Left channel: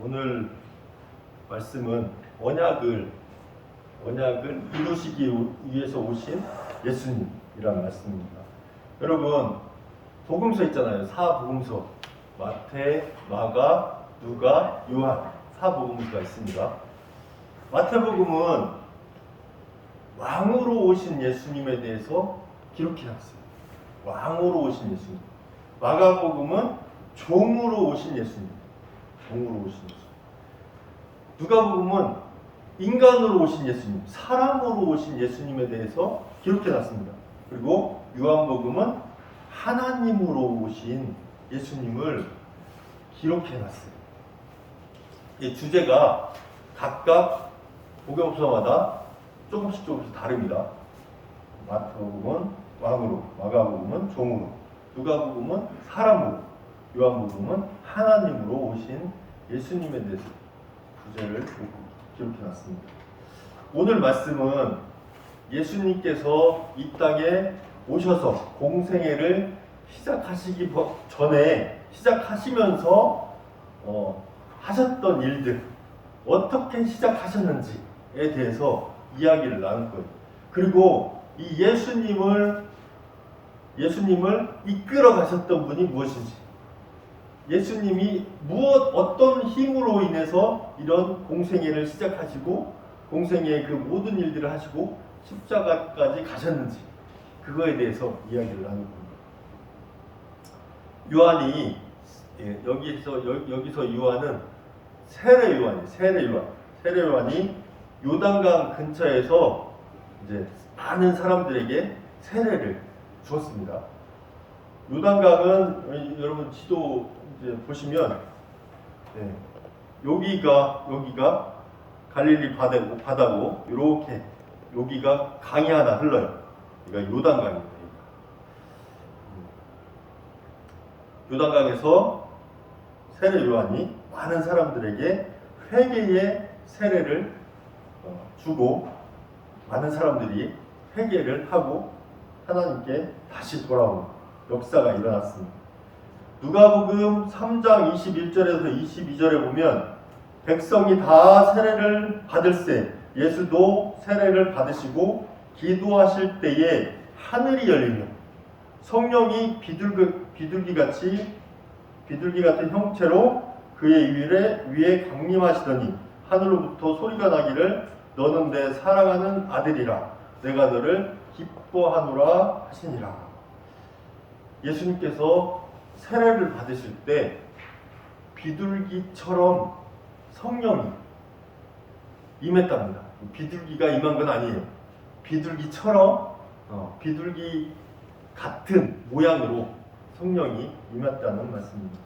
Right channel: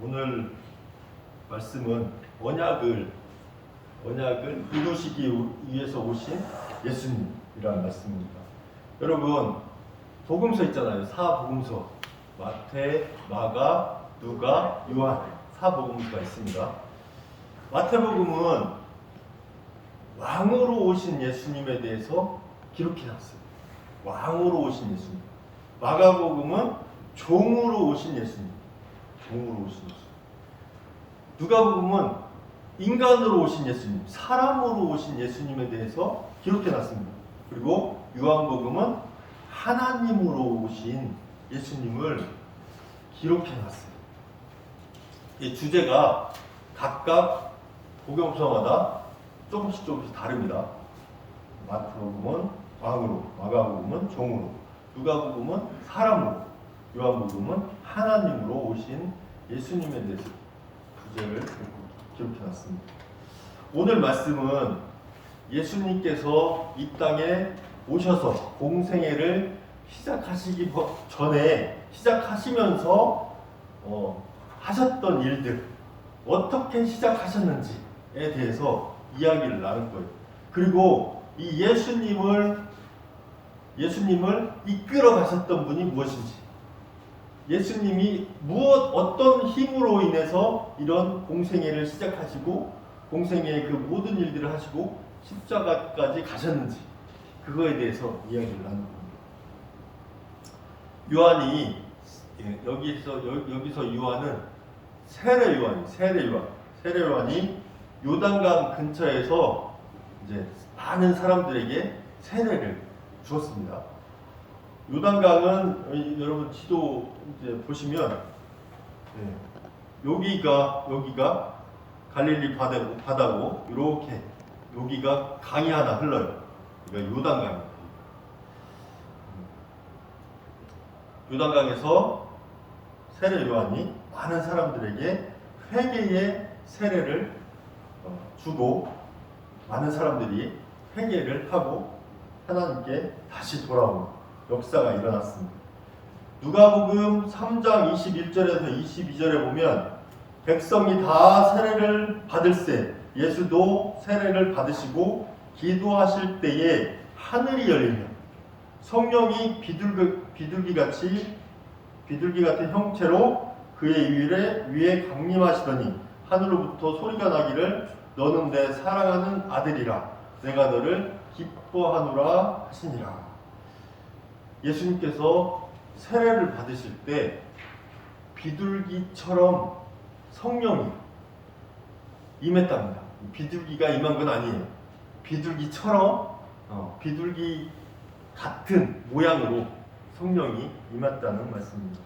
오늘 말씀은 언약을 이루시기 위해서 오신 예수님이라는 말씀입니다. 여러분, 복음서 있잖아요. 사복음서. 마태, 마가, 누가, 요한. 사복음서가 있습니다. 마태복음은 왕으로 오신 예수님에 대해서 기록해 놨어요. 왕으로 오신 예수님. 마가복음은 종으로 오신 예수님. 종으로 오신 예수님. 누가복음은 인간으로 오신 예수님, 사람으로 오신 예수님에 대해서 기록해 놨습니다. 그리고 요한복음은 하나님으로 오신 예수님을 기록해 놨어요. 이 주제가 각각 복음서마다 조금씩 다릅니다. 마태복음은 왕으로, 마가복음은 종으로, 누가복음은 사람으로, 요한복음은 하나님으로 오신 예수님에 대해서 주제를 기록해 놨습니다. 오늘 말씀은 예수님께서 이 땅에 오셔서 공생애를 시작하시기 전에 시작하시면서 하셨던 일들, 어떻게 시작하셨는지에 대해서 이야기를 나눌 거예요. 그리고 이 예수님을 이끌어 가셨던 분이 무엇인지, 예수님이 어떤 힘으로 인해서 이런 공생애를 시작하시고 공생애의 그 모든 일들을 하시고 십자가까지 가셨는지, 그거에 대해서 이야기를 나눌 겁니다. 요한이 여기서 요한은 세례 요한이 요단강 근처에서 이제 많은 사람들에게 세례를 주었습니다. 요단강은 여러분 지도 이제 보시면 여기가 갈릴리 바다고 이렇게 여기가 강이 하나 흘러요. 그러니까 요단강입니다. 요단강에서 세례 요한이 많은 사람들에게 회개의 세례를 주고 많은 사람들이 회개를 하고 하나님께 다시 돌아오는 역사가 일어났습니다. 누가복음 3장 21절에서 22절에 보면 백성이 다 세례를 받을세 예수도 세례를 받으시고 기도하실 때에 하늘이 열리며 성령이 비둘기 같은 형체로 그의 위에 강림하시더니 하늘로부터 소리가 나기를 너는 내 사랑하는 아들이라 내가 너를 기뻐하노라 하시니라. 예수님께서 세례를 받으실 때 비둘기처럼 성령이 임했답니다. 비둘기가 임한 건 아니에요. 비둘기처럼 비둘기 같은 모양으로 성령이 임했다는 말씀입니다.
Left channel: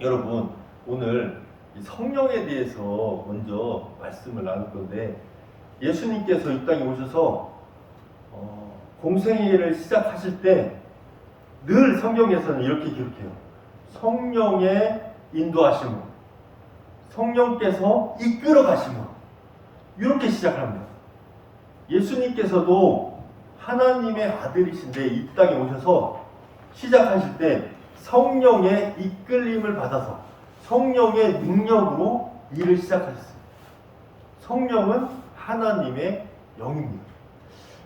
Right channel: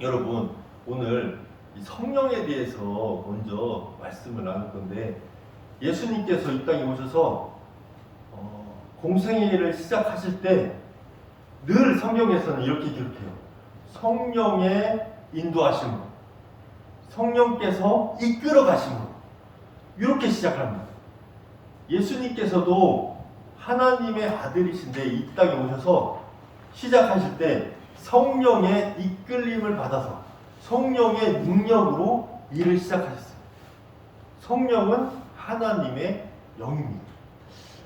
여러분, 오늘 성령에 대해서 먼저 말씀을 나눌 건데, 예수님께서 이 땅에 오셔서 공생애를 시작하실 때 늘 성경에서는 이렇게 기록해요. 성령의 인도하심으로, 성령께서 이끌어 가심으로, 이렇게 시작합니다. 예수님께서도 하나님의 아들이신데 이 땅에 오셔서 시작하실 때 성령의 이끌림을 받아서 성령의 능력으로 일을 시작하셨어요. 성령은 하나님의 영입니다.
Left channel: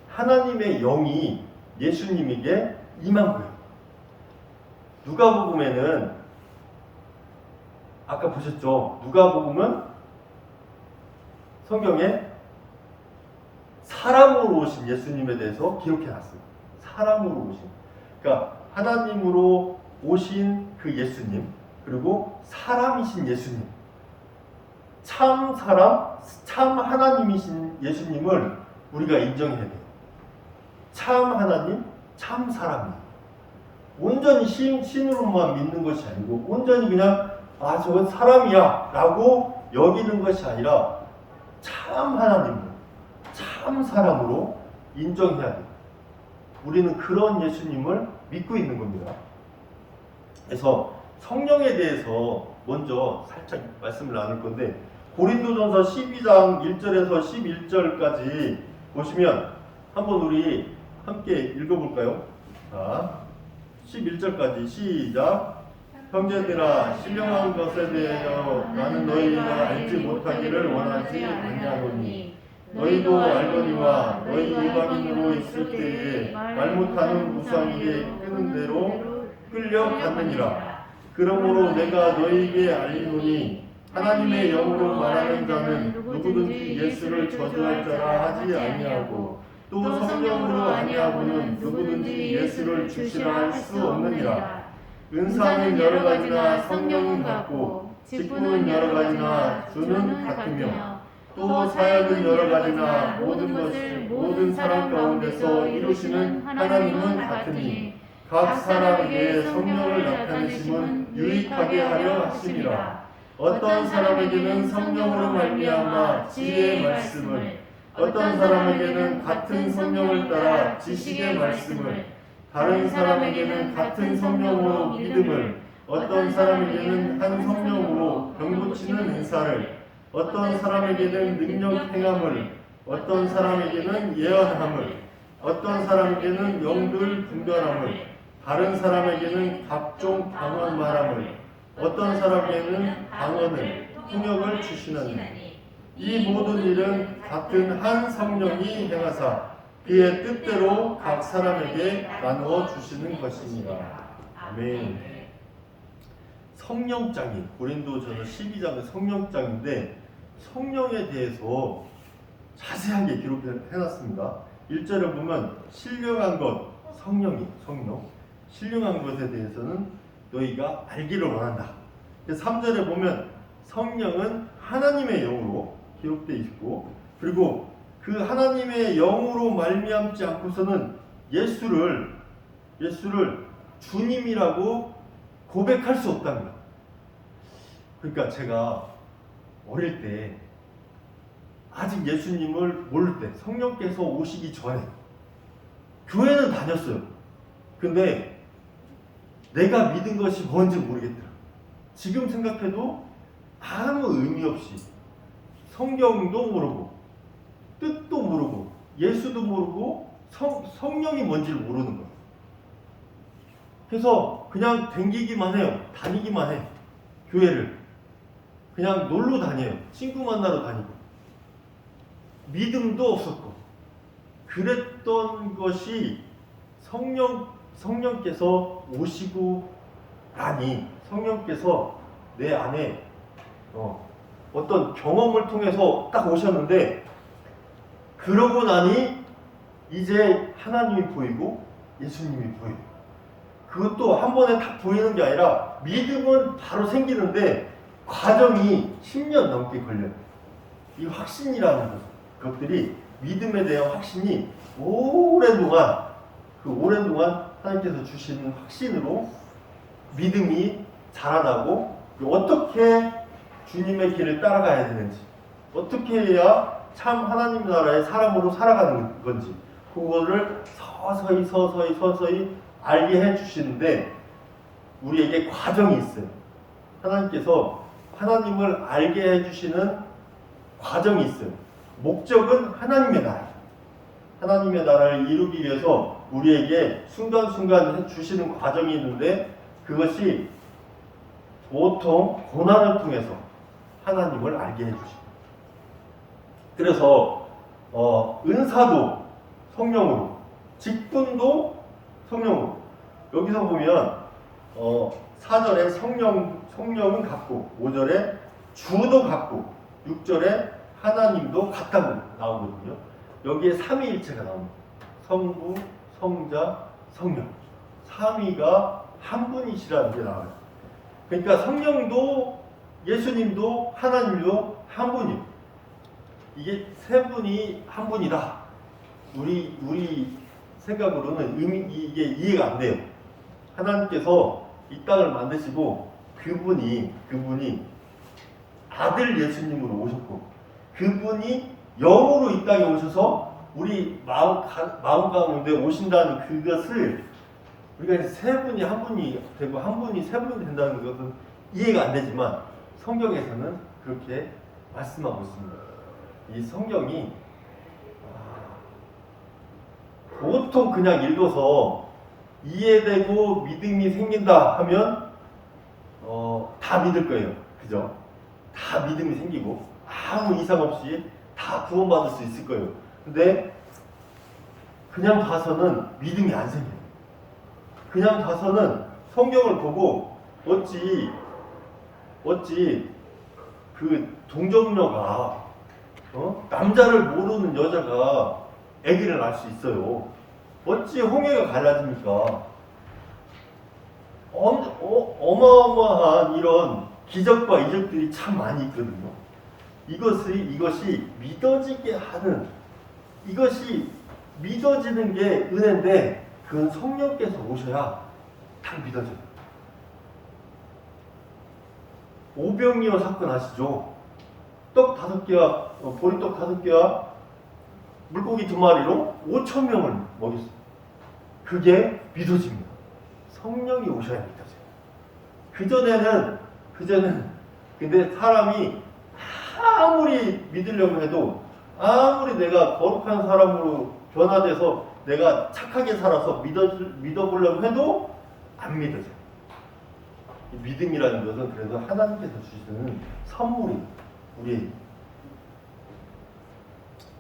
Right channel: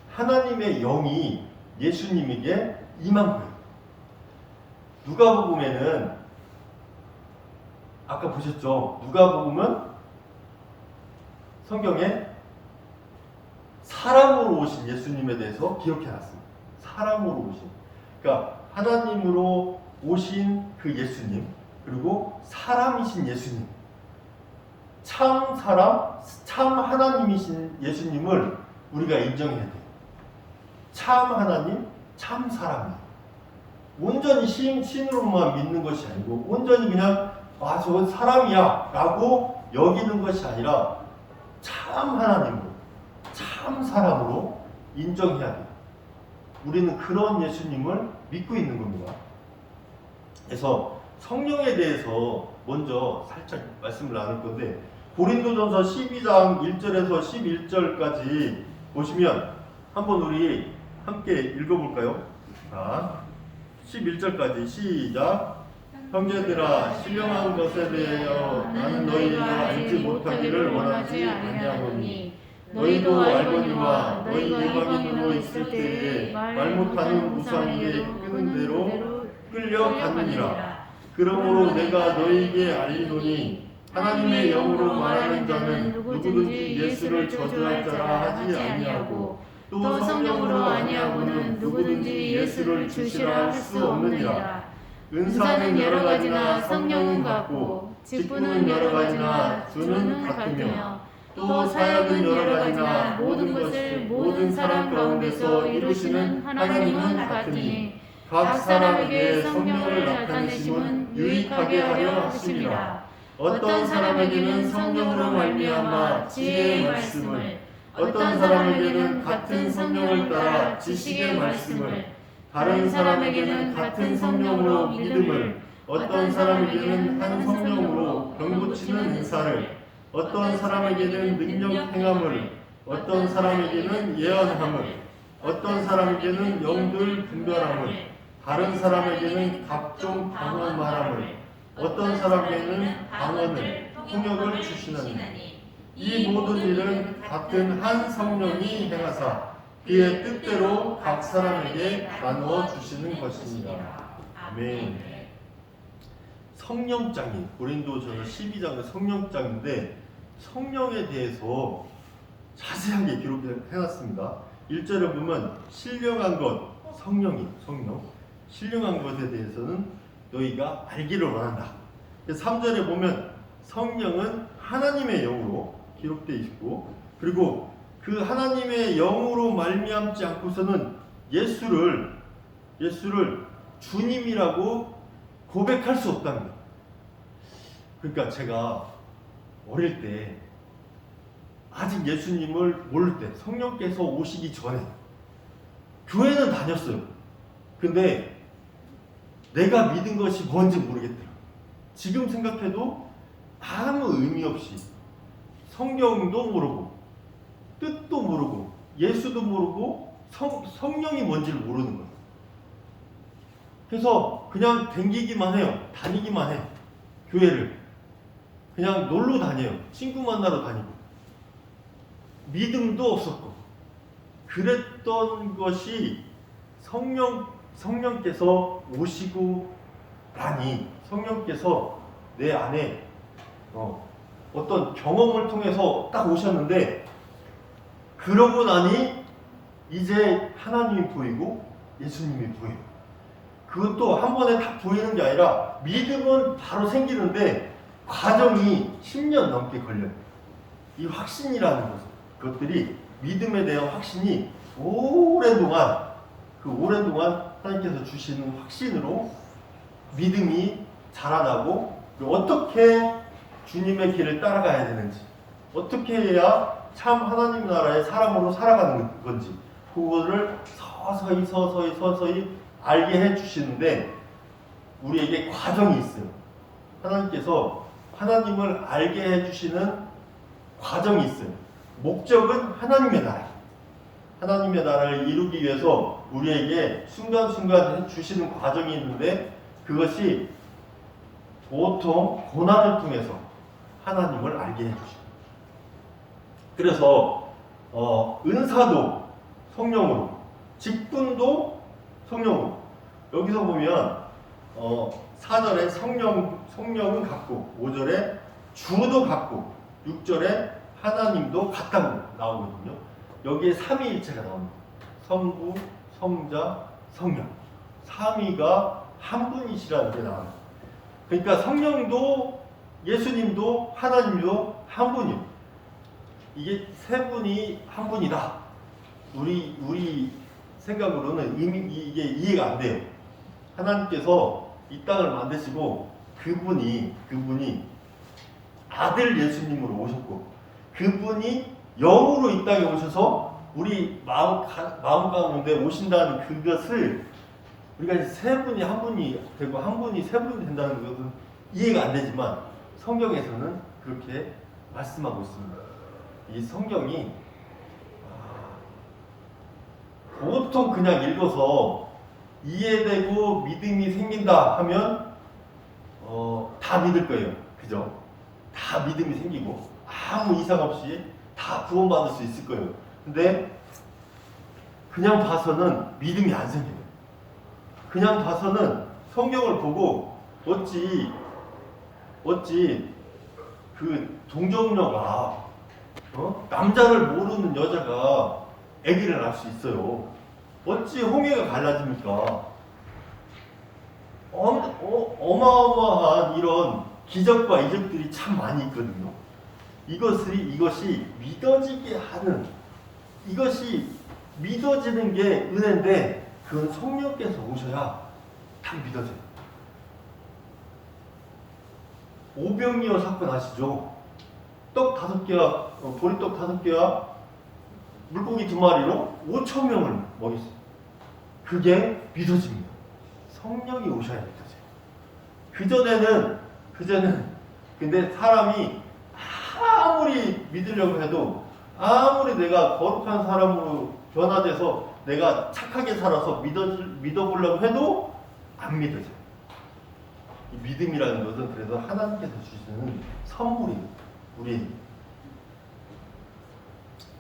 하나님의 영이 예수님에게 임한 거예요. 누가복음에는 아까 보셨죠? 누가복음은 성경에 사람으로 오신 예수님에 대해서 기록해놨습니다. 사람으로 오신, 그러니까 하나님으로 오신 그 예수님, 그리고 사람이신 예수님, 참 사람, 참 하나님이신 예수님을 우리가 인정해야 돼요. 참 하나님, 참 사람이에요. 온전히 신으로만 믿는 것이 아니고 온전히 그냥 저건 사람이야 라고 여기는 것이 아니라 참 하나님으로, 참 사람으로 인정해야 돼요. 우리는 그런 예수님을 믿고 있는 겁니다. 그래서 성령에 대해서 먼저 살짝 말씀을 나눌 건데, 고린도전서 12장 1절에서 11절까지 보시면 한번 우리 함께 읽어볼까요? 자, 11절까지 시작. 형제들아 신령한 것에 대하여 나는 너희가 알지 못하기를 원하지 아니하노니 너희도 알거니와 너희 이방인으로 있을 때에 말 못하는 우상에게 끄는 대로 끌려갔느니라. 그러므로 내가 너희에게 알리노니 하나님의 영으로 말하는 자는 누구든지 예수를 저주할 자라 하지 아니하고 또 성령으로 아니하고는 누구든지 예수를 주시라 할 수 없느니라. 은사는 여러 가지나 성령은 같고 직분은 여러 가지나 주는 같으며 또 사역은 여러 가지나 모든 것이 모든 사람 가운데서 이루시는 하나님은 같으니 각 사람에게 성령을 나타내심은 유익하게 하려 하심이라. 어떤 사람에게는 성령으로 말미암아 지혜의 말씀을, 어떤 사람에게는 같은 성령을 따라 지식의 말씀을, 다른 사람에게는 같은 성령으로 믿음을, 어떤 사람에게는 한 성령으로 병 고치는 은사를, 어떤 사람에게는 능력 행함을, 어떤 사람에게는 예언함을, 어떤 사람에게는 영들 분별함을, 다른 사람에게는 각종 방언 말함을, 어떤 사람에게는 방언을, 통역을 주시나니 이 모든 일은 같은 한 성령이 행하사 그의 뜻대로 각 사람에게 나누어 주시는 것입니다. 아멘. 성령장이 고린도전서 12장의 성령장인데 성령에 대해서 자세하게 기록해 놨습니다. 1절에 보면 신령한 것, 성령 신령한 것에 대해서는 너희가 알기를 원한다. 3절에 보면 성령은 하나님의 영으로 기록되어 있고, 그리고 그 하나님의 영으로 말미암지 않고서는 예수를 주님이라고 고백할 수 없답니다. 그러니까 제가 어릴 때 아직 예수님을 모를 때 성령께서 오시기 전에 교회는 다녔어요. 근데 내가 믿은 것이 뭔지 모르겠더라. 지금 생각해도 아무 의미 없이 성경도 모르고 뜻도 모르고 예수도 모르고 성령이 뭔지를 모르는 거예요. 그래서 그냥 댕기기만 해요. 다니기만 해. 교회를 그냥 놀러 다녀요. 친구 만나러 다니고 믿음도 없었고 그랬던 것이 성령께서 오시고 나니 성령께서 내 안에 어떤 경험을 통해서 딱 오셨는데, 그러고 나니 이제 하나님이 보이고 예수님이 보여요. 그것도 한 번에 딱 보이는 게 아니라 믿음은 바로 생기는데 과정이 10년 넘게 걸려요. 이 확신이라는 것들이, 믿음에 대한 확신이 오랜 동안 하나님께서 주시는 확신으로 믿음이 자라나고, 그리고 어떻게 주님의 길을 따라가야 되는지, 어떻게 해야 참 하나님 나라의 사람으로 살아가는 건지, 그거를 서서히 알게 해주시는데, 우리에게 과정이 있어요. 하나님께서 하나님을 알게 해주시는 과정이 있어요. 목적은 하나님의 나라예요. 하나님의 나라를 이루기 위해서 우리에게 순간순간 해주시는 과정이 있는데, 그것이 보통 고난을 통해서 하나님을 알게 해주십니다. 그래서 은사도 성령으로, 직분도 성령으로. 여기서 보면 4절에 성령은 같고, 5절에 주도 같고, 6절에 하나님도 같다고 나오거든요. 여기에 삼위일체가 나옵니다. 성부, 성자, 성령. 삼위가 한 분이시라는 게 나와요. 그러니까 성령도 예수님도 하나님도 한 분이에요. 이게 세 분이 한 분이다. 우리 생각으로는 이게 이해가 안 돼요. 하나님께서 이 땅을 만드시고 그분이 아들 예수님으로 오셨고, 그분이 영으로 이 땅에 오셔서 우리 마음 가운데 오신다는 그것을 우리가 이제 세 분이 한 분이 되고 한 분이 세 분이 된다는 것은 이해가 안 되지만 성경에서는 그렇게 말씀하고 있습니다. 이 성경이 보통 그냥 읽어서 이해되고 믿음이 생긴다 하면 다 믿을 거예요. 그죠? 다 믿음이 생기고 아무 이상 없이 다 구원받을 수 있을 거예요. 근데 그냥 봐서는 믿음이 안 생겨요. 그냥 봐서는 성경을 보고 어찌 그 동정녀가 남자를 모르는 여자가 아기를 낳을 수 있어요. 어찌 홍해가 갈라집니까? 어마어마한 이런 기적과 이적들이 참 많이 있거든요. 이것이 믿어지게 하는, 이것이 믿어지는 게 은혜인데 그건 성령께서 오셔야 딱 믿어져요. 오병이어 사건 아시죠? 떡 5개와 보리떡 5개와 물고기 2마리로 5,000명을 먹였어요. 그게 믿어집니다. 성령이 오셔야 믿어져요. 그전에는 근데 사람이 아무리 믿으려고 해도, 아무리 내가 거룩한 사람으로 변화돼서 내가 착하게 살아서 믿어보려고 해도 안 믿어져요. 이 믿음이라는 것은 그래서 하나님께서 주시는 선물이에요. 우리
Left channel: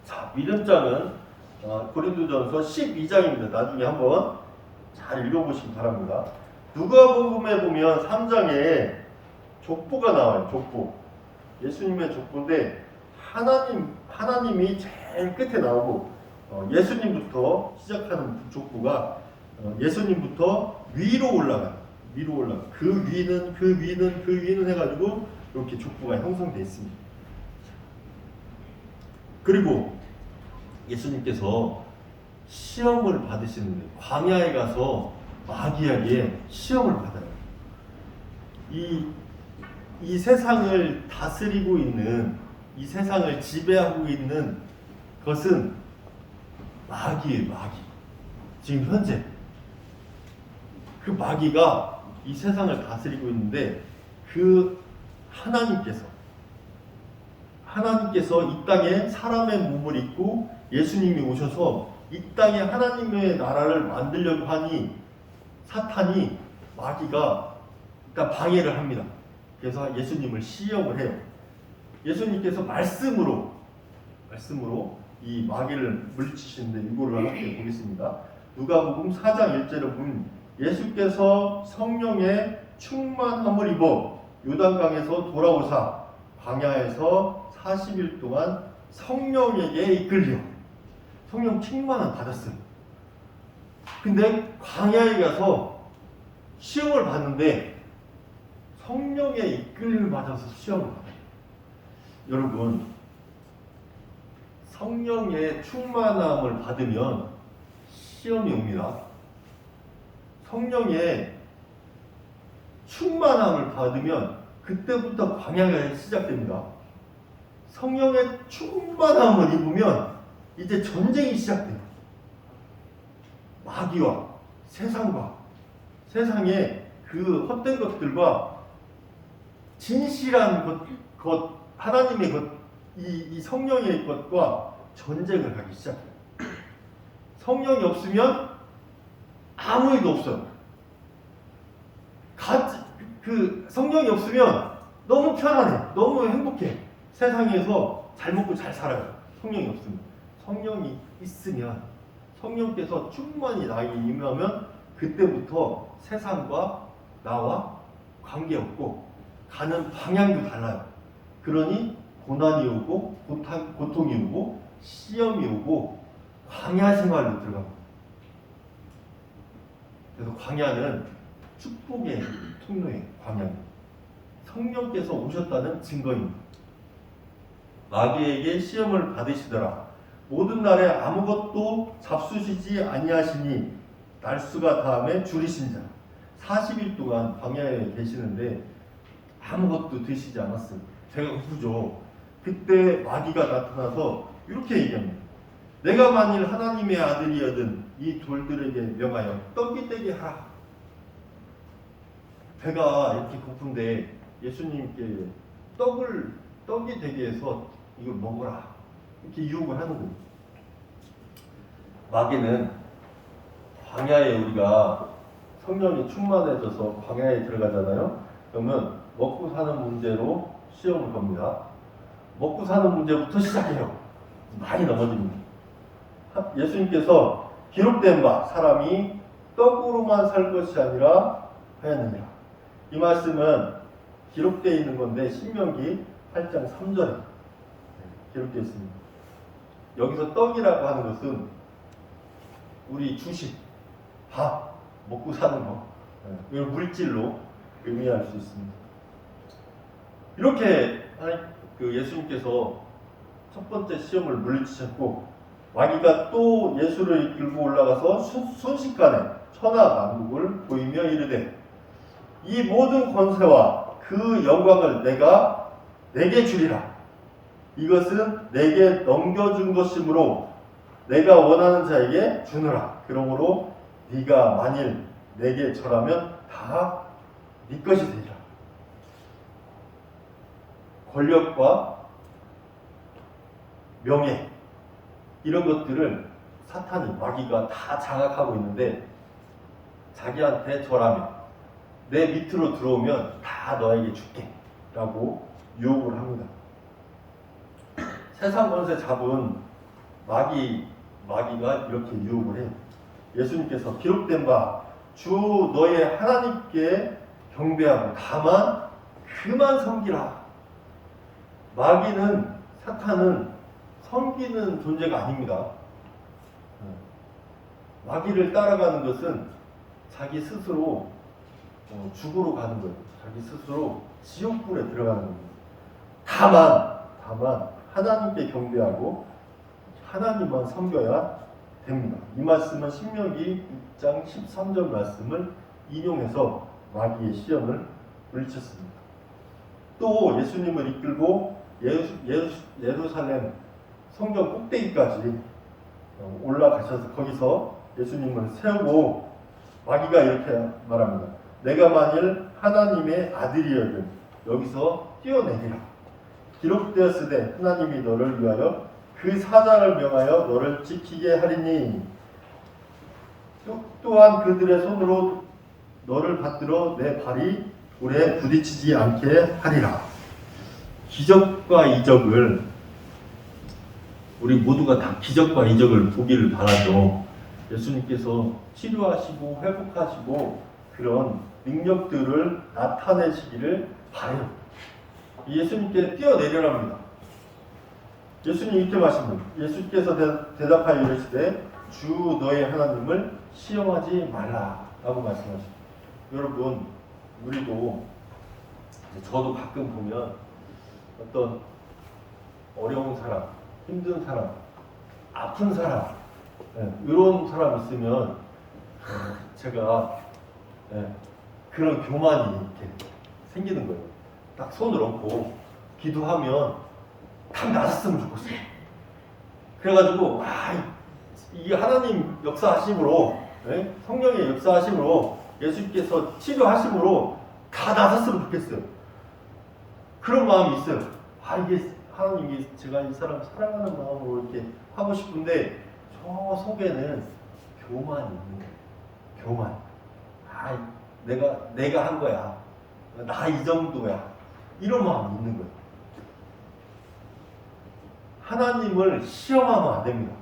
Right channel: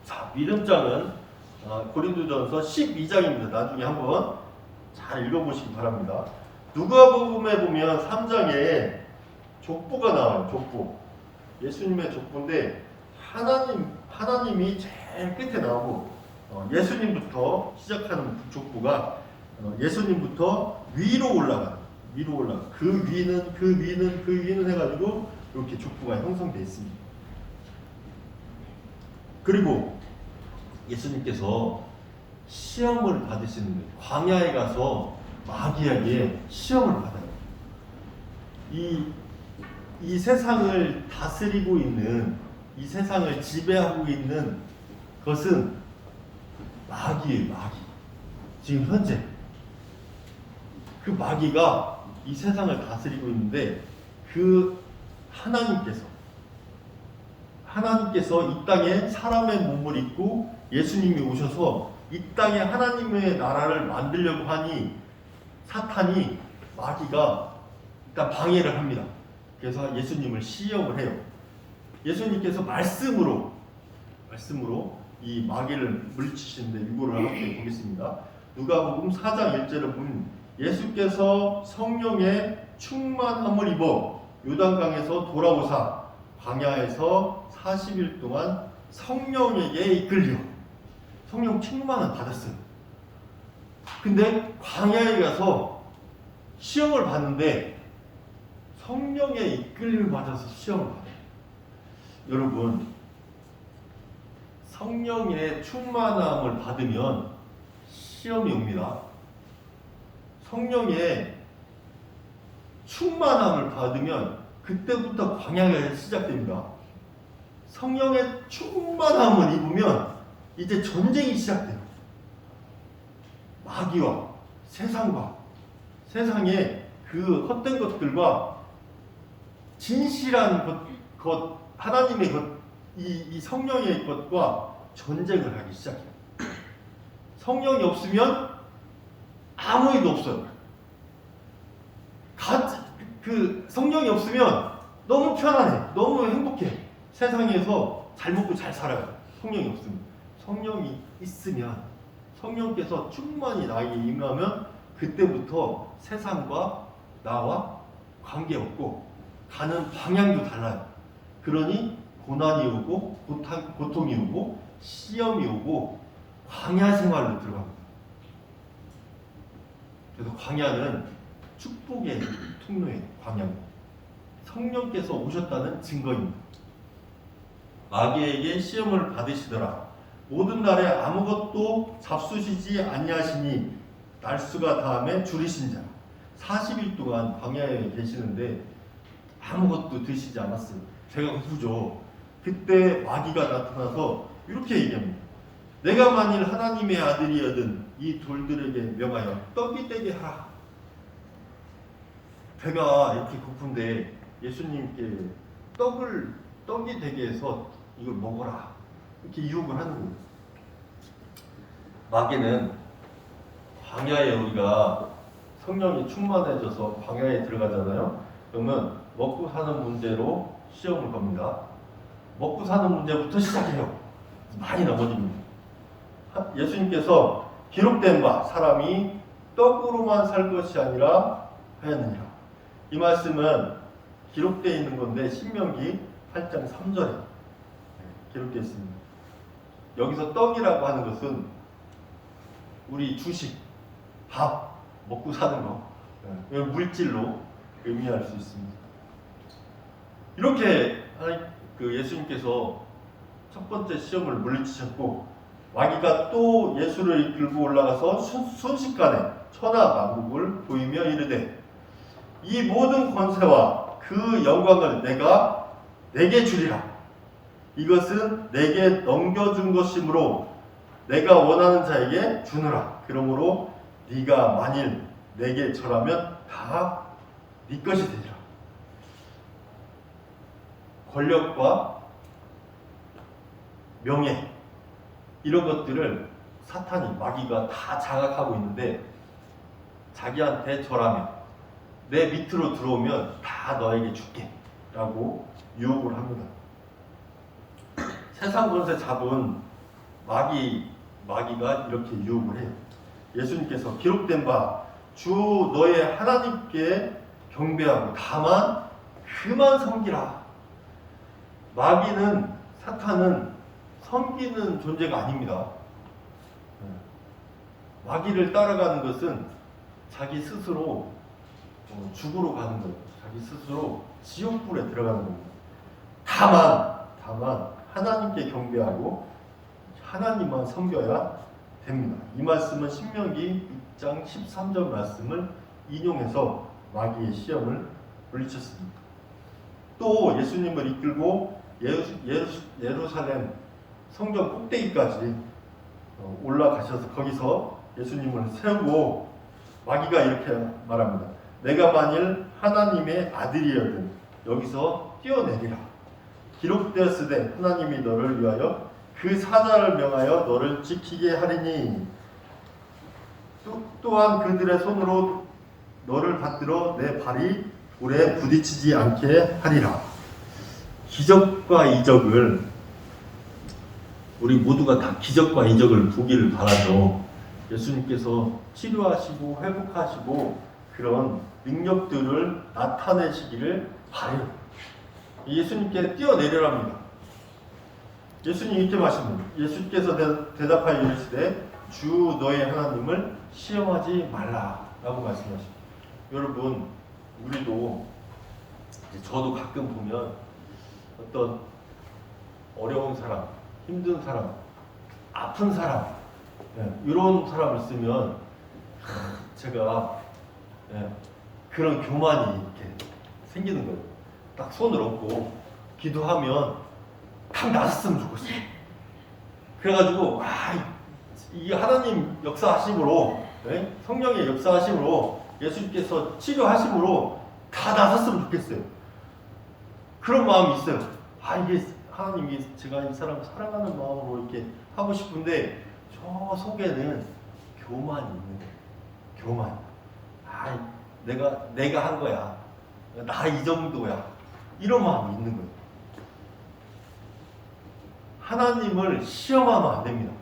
자, 믿음장은 고린도전서 12장입니다. 나중에 한번 잘 읽어보시기 바랍니다. 누가복음에 보면 3장에 족보가 나와요. 족보. 예수님의 족보인데 하나님이 제일 끝에 나오고 예수님부터 시작하는 족보가 예수님부터 위로 올라가. 그 위는 해가지고 이렇게 족보가 형성되어 있습니다. 그리고 예수님께서 시험을 받으시는데 광야에 가서 마귀에게 시험을 받아요. 이 세상을 다스리고 있는, 이 세상을 지배하고 있는 것은 마귀예요. 마귀. 지금 현재 그 마귀가 이 세상을 다스리고 있는데 그 하나님께서 이 땅에 사람의 몸을 입고 예수님이 오셔서 이 땅에 하나님의 나라를 만들려고 하니 사탄이, 마귀가 일단 방해를 합니다. 그래서 예수님을 시험을 해요. 예수님께서 말씀으로 이 마귀를 물리치시는데 이거를 함께 보겠습니다. 누가복음 4장 1절을 보면 예수께서 성령의 충만함을 입어 요단강에서 돌아오사 광야에서 40일 동안 성령에게 이끌려. 성령 충만함 받았어요. 근데 광야에 가서 시험을 받는데 성령의 이끌림을 받아서 시험을 받아요. 여러분, 성령의 충만함을 받으면 시험이 옵니다. 성령의 충만함을 받으면 그때부터 광야가 시작됩니다. 성령의 충만함을 입으면 이제 전쟁이 시작돼요. 마귀와 세상과 세상의 그 헛된 것들과 진실한 것 하나님의 것, 이 성령의 것과 전쟁을 하기 시작해요. 성령이 없으면 아무 일도 없어요. 그 성령이 없으면 너무 편안해, 너무 행복해. 세상에서 잘 먹고 잘 살아요. 성령이 없으면. 성령이 있으면, 성령께서 충만히 나에게 임하면 그때부터 세상과 나와 관계없고 가는 방향도 달라요. 그러니 고난이 오고 고통이 오고 시험이 오고 광야 생활로 들어갑니다. 그래서 광야는 축복의 통로예요. 광야는 성령께서 오셨다는 증거입니다. 마귀에게 시험을 받으시더라. 모든 날에 아무것도 잡수시지 아니하시니 날수가 다음에 줄이신 자. 40일 동안 광야에 계시는데 아무것도 드시지 않았어요. 배가 고프죠. 그때 마귀가 나타나서 이렇게 얘기합니다. 내가 만일 하나님의 아들이여든 이 돌들에게 명하여 떡이 되게 하라. 배가 이렇게 고픈데 예수님께 떡이 되게 해서 이걸 먹어라. 이렇게 유혹을 하는 거예요. 마귀는 광야에 우리가 성령이 충만해져서 광야에 들어가잖아요. 그러면 먹고 사는 문제로 시험을 겁니다. 먹고 사는 문제부터 시작해요. 많이 넘어집니다. 예수님께서 기록된 바 사람이 떡으로만 살 것이 아니라 하였느니라. 이 말씀은 기록되어 있는 건데 신명기 8장 3절에 기록되어 있습니다. 여기서 떡이라고 하는 것은 우리 주식, 밥, 먹고 사는 거, 물질로 의미할 수 있습니다. 이렇게 예수님께서 첫 번째 시험을 물리치셨고 마귀가 또 예수를 이끌고 올라가서 순식간에 천하만국을 보이며 이르되 이 모든 권세와 그 영광을 내게 주리라. 이것은 내게 넘겨준 것이므로 내가 원하는 자에게 주느라. 그러므로 네가 만일 내게 절하면 다 네 것이 되리라. 권력과 명예 이런 것들을 사탄이 마귀가 다 장악하고 있는데 자기한테 절하면 내 밑으로 들어오면 다 너에게 줄게 라고 유혹을 합니다. 세상 권세 잡은 마귀가 이렇게 유혹을 해요. 예수님께서 기록된 바 주 너의 하나님께 경배하고 다만 그만 섬기라. 마귀는 사탄은 섬기는 존재가 아닙니다. 마귀를 따라가는 것은 자기 스스로 죽으러 가는 거예요. 자기 스스로 지옥불에 들어가는 겁니다. 다만 하나님께 경배하고 하나님만 섬겨야 됩니다. 이 말씀은 신명기 6장 13절 말씀을 인용해서 마귀의 시험을 물리쳤습니다. 또 예수님을 이끌고 예루살렘 성전 꼭대기까지 올라가셔서 거기서 예수님을 세우고 마귀가 이렇게 말합니다. 내가 만일 하나님의 아들이거든 여기서 뛰어내리라. 기록되었으되 하나님이 너를 위하여 그 사자를 명하여 너를 지키게 하리니 또한 그들의 손으로 너를 받들어 내 발이 돌에 부딪히지 않게 하리라. 기적과 이적을 우리 모두가 다 기적과 이적을 보기를 바라죠. 예수님께서 치료하시고 회복하시고 그런 능력들을 나타내시기를 바라요. 예수님께 뛰어내려랍니다. 예수님 이렇게 말씀합니다. 예수께서 대답하여 이르시되 주 너의 하나님을 시험하지 말라라고 말씀하십니다. 여러분 우리도 저도 가끔 보면 어떤 어려운 사람, 힘든 사람, 아픈 사람 이런 사람 있으면 제가 그런 교만이 이렇게 생기는 거예요. 딱 손을 얹고 기도하면 딱 나았으면 좋겠어요. 그래가지고 이 하나님 역사하심으로 성령의 역사하심으로 예수님께서 치료하심으로 다 나았으면 좋겠어요. 그런 마음이 있어요. 이게 하나님 제가 이 사람 사랑하는 마음으로 이렇게 하고 싶은데 저 속에는 교만이 있는 거예요. 교만. 내가 한 거야. 나 이 정도야. 이런 마음이 있는 거예요. 하나님을 시험하면 안 됩니다.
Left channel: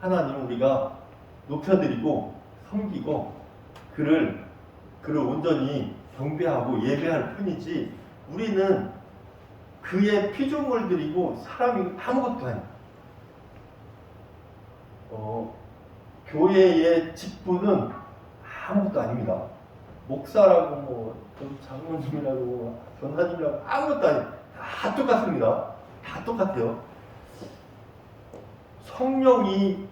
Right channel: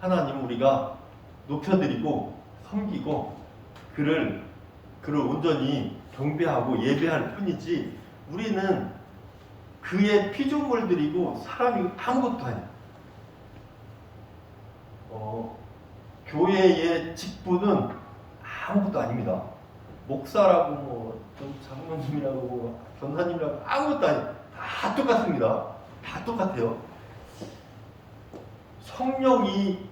하나님 우리가 높여드리고 섬기고 그를 온전히 경배하고 예배할 뿐이지 우리는 그의 피조물들이고 사람이 아무것도 아니에요. 교회의 직분은 아무것도 아닙니다. 목사라고 장로님이라고 전사님이라고 아무것도 아니에요. 다 똑같습니다. 다 똑같아요. 성령이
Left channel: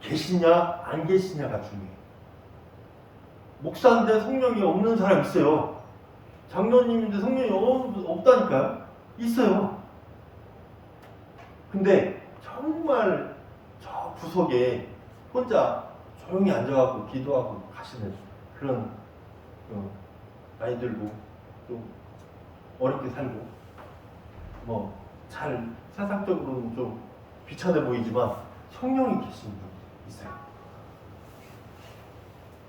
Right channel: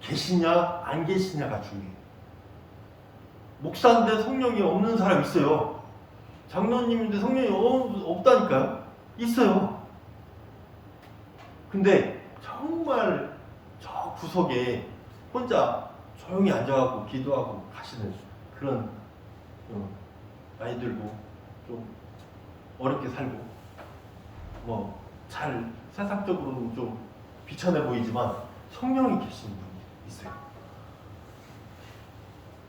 계시냐 안 계시냐가 중요해요. 목사인데 성령이 없는 사람 있어요. 장로님인데 성령이 없다니까요. 있어요. 근데 정말 저 구석에 혼자 조용히 앉아갖고 기도하고 가시는 그런 아이들도 좀 어렵게 살고 잘 세상적으로는 좀 비천해 보이지만 성령이 계시는 분이 있어요.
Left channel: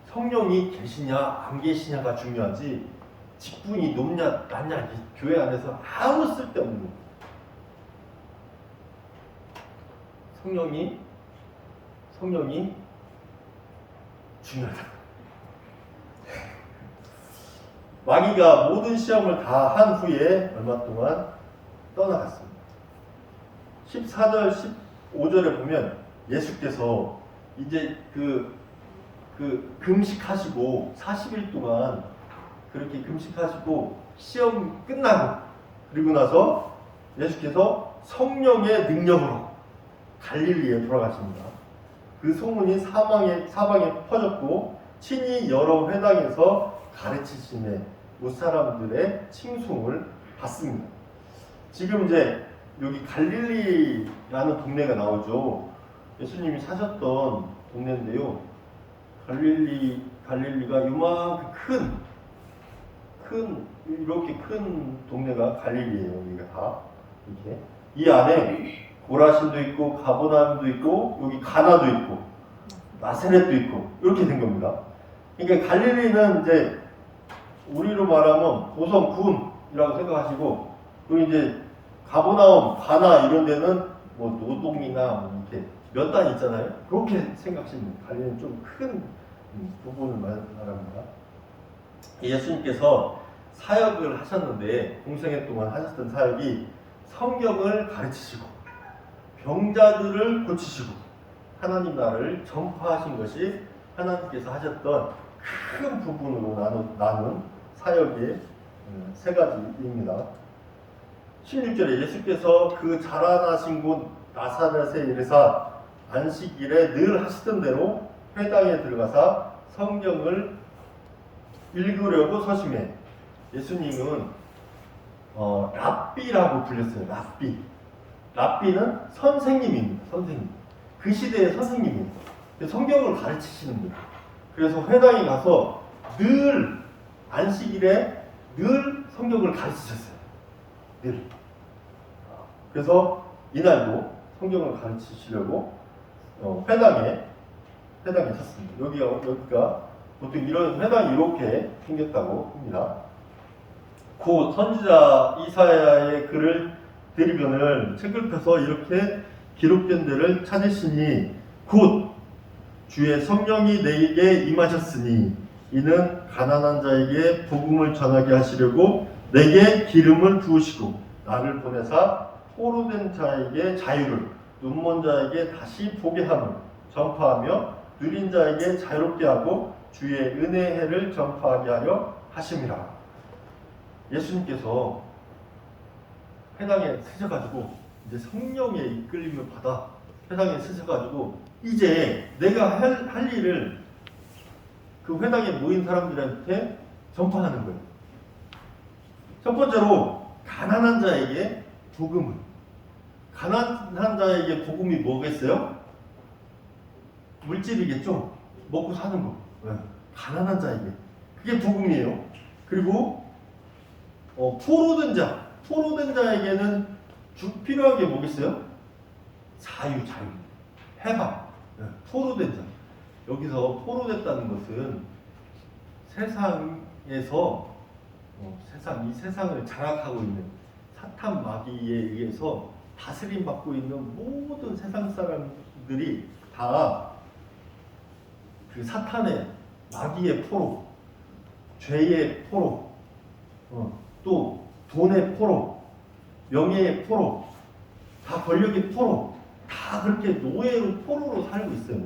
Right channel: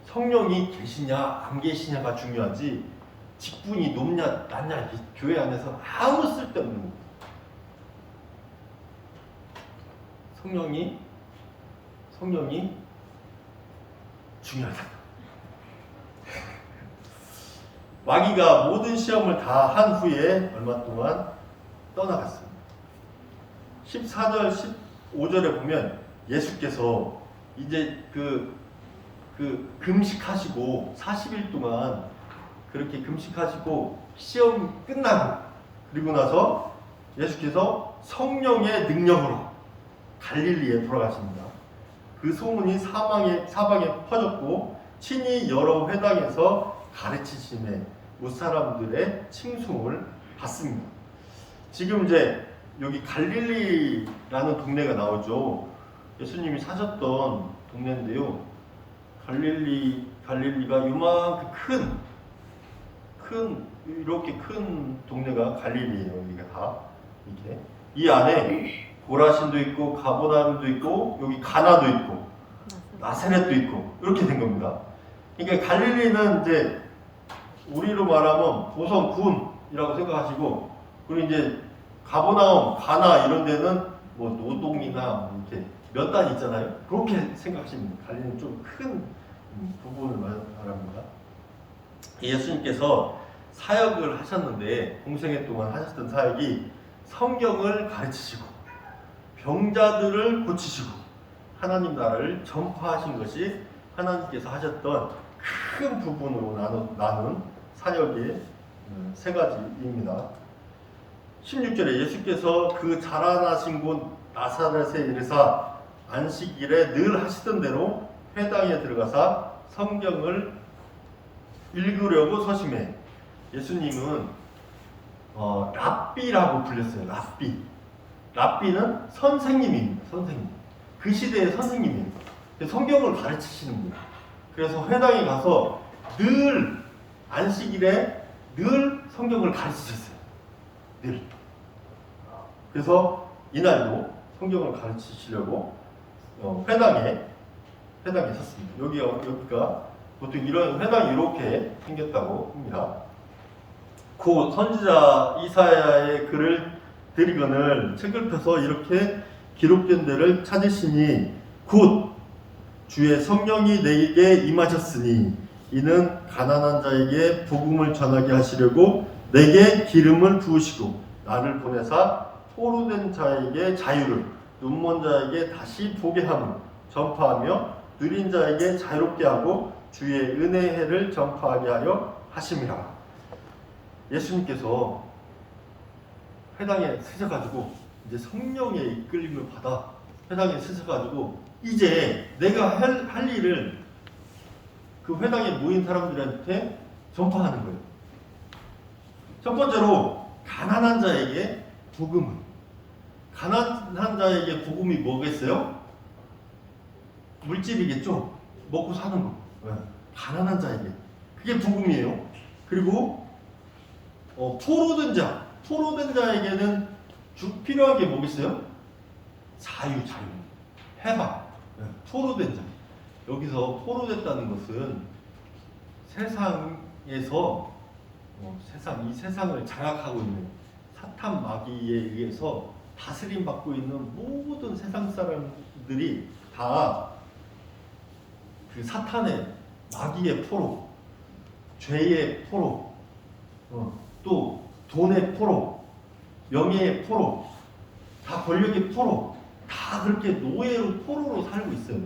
성령이 계시냐 안 계시냐가 중요하지 직분이 높냐 낮냐 이 교회 안에서 아무 쓸데없는 거예요. 성령이 중요하다. 마귀가 모든 시험을 다 한 후에 얼마 동안 떠나갔습니다. 14절 15절에 보면 예수께서 이제 그 금식하시고 40일 동안 그렇게 금식하시고 시험 끝나고 그리고 나서 예수께서 성령의 능력으로 갈릴리에 돌아가십니다. 그 소문이 사방에 퍼졌고 친히 여러 회당에서 가르치심에 무사람들의 칭송을 받습니다. 지금 이제 여기 갈릴리라는 동네가 나오죠. 예수님이 사셨던 동네인데요. 갈릴리가 요만큼 이렇게 큰 동네가 갈릴리예요. 여기가 다 이렇게 이 안에 고라신도 있고 가보나움도 있고 여기 가나도 있고 나사렛도 있고 이렇게 된 겁니다. 그러니까 갈릴리는 이제 우리로 말하면 보성군이라고 생각하시고 그리고 이제 가보나움, 가나 이런 데는 뭐 노동이나 뭐 이렇게 몇 단 있잖아요. 그렇게 생각하시면 갈릴리는 좀 큰 부분을 말합니다. 예수님께서 사역을 하셨는데 공생애 동안 하셨던 사역이 성경을 가르치시고 병자들을 고치시고 하나님 나라를 전파하신 것이 하나님께서 하셨던 큰 부분으로 나눈 사역의 세 가지입니다. 16절에 예수께서 그 자라나신 곳 나사렛에 이르사 안식일에 늘 하시던 대로 회당에 들어가사 성경을 읽으려고 서심해. 예수님은 랍비라고 불렸어요. 랍비는 선생님입니다. 선생님. 그 시대의 선생님입니다. 성경을 가르치시는 분. 그래서 회당에 가서 늘 안식일에 늘 성경을 가르치셨어요. 늘. 그래서 이날도 성경을 가르치시려고 회당에 섰습니다. 여기가 보통 이런 회당이 이렇게 생겼다고 합니다. 그 선지자 이사야의 글을 드리거늘 책을 펴서 이렇게 기록된 데를 찾으시니 곧 주의 성령이 내게 임하셨으니 이는 가난한 자에게 복음을 전하게 하시려고 내게 기름을 부으시고 나를 보내사 포로된 자에게 자유를 눈먼 자에게 다시 보게 함을 전파하며 누린 자에게 자유롭게 하고 주의 은혜의 해를 전파하게 하려 하심이라. 예수님께서 회당에 서셔가지고 이제 성령의 이끌림을 받아 회당에 서셔가지고 이제 내가 할 일을 그 회당에 모인 사람들한테 전파하는 거예요. 첫 번째로 가난한 자에게 복음을. 가난한 자에게 복음이 뭐겠어요? 물질이겠죠. 먹고 사는 거. 가난한 자에게 그게 복음이에요. 그리고 포로된 자에게는 필요한 게 뭐겠어요? 자유, 해방. 포로된 자. 여기서 포로됐다는 것은 세상에서 이 세상을 장악하고 있는 사탄 마귀에 의해서 다스림 받고 있는 모든 세상 사람들이 다 그 사탄의 마귀의 포로, 죄의 포로, 또 돈의 포로, 명예의 포로, 다 권력의 포로, 다 그렇게 노예로 포로로 살고 있어요.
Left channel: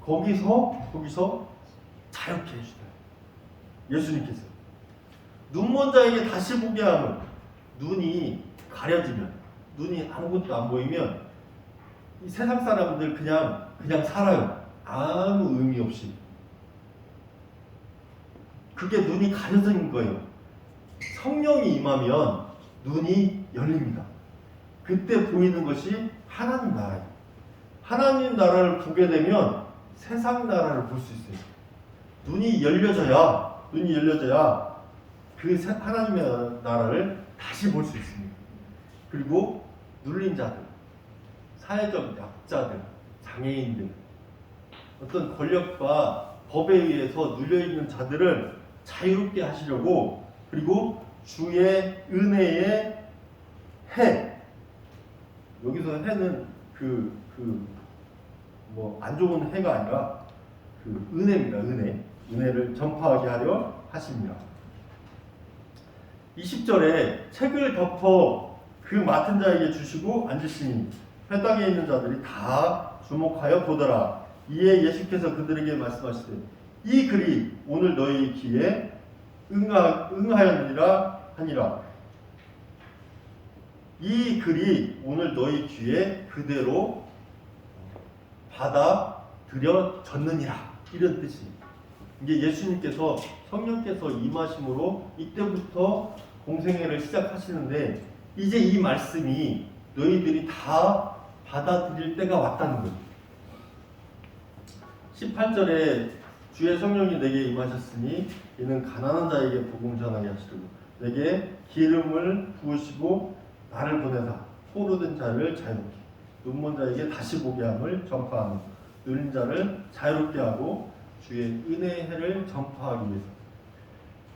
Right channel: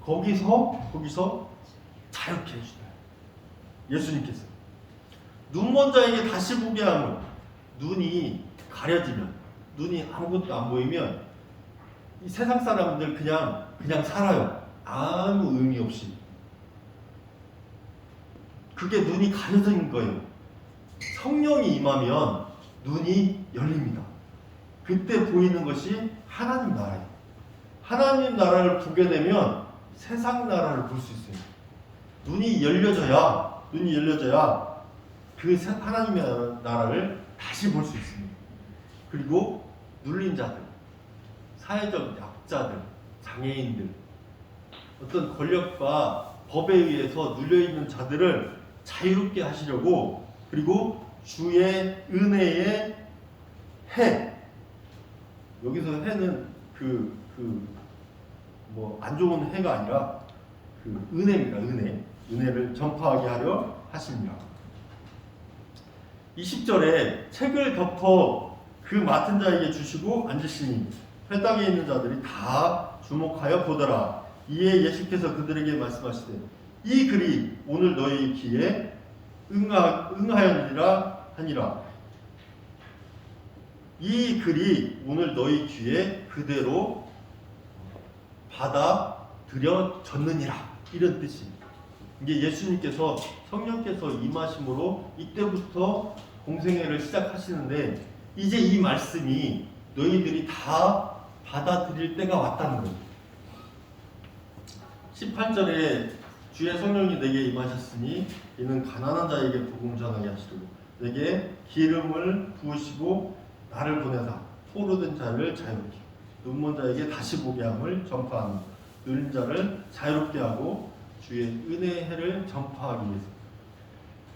거기서 자유케 해주시나요? 예수님께서 눈먼 자에게 다시 보게 하면 눈이 가려지면 눈이 아무것도 안 보이면 이 세상 사람들 그냥 살아요. 아무 의미 없이. 그게 눈이 가려진 거예요. 성령이 임하면 눈이 열립니다. 그때 보이는 것이 하나님 나라예요. 하나님 나라를 보게 되면 세상 나라를 볼 수 있어요. 눈이 열려져야 그 하나님의 나라를 다시 볼 수 있습니다. 그리고 눌린 자들, 사회적 약자들, 장애인들, 어떤 권력과 법에 의해서 눌려있는 자들을 자유롭게 하시려고 그리고 주의 은혜의 해. 여기서 해는 뭐 안 좋은 해가 아니라 그 은혜입니다. 은혜를 전파하게 하려 하십니다. 20절에 책을 덮어 그 맡은 자에게 주시고 앉으시니 회 땅에 있는 자들이 다 주목하여 보더라. 이에 예수께서 그들에게 말씀하시되 이 글이 오늘 너희 귀에 응하였느니라 하니라. 이 글이 오늘 너희 귀에 그대로 받아들여졌느니라. 이런 뜻이. 이게 예수님께서 성령께서 임하심으로 이때부터 공생애를 시작하시는데 이제 이 말씀이 너희들이 다 받아들일 때가 왔다는 거예요. 18절에 주의 성령이 내게 임하셨으니 이는 가난한 자에게 복음 전하게 하시도록 내게 기름을 부으시고 나를 보내사 포로된 자를 자유롭게 눈먼 자에게 다시 보게 함을 전파하며 느린 자를 자유롭게 하고 주의 은혜의 해를 전파하기 위해서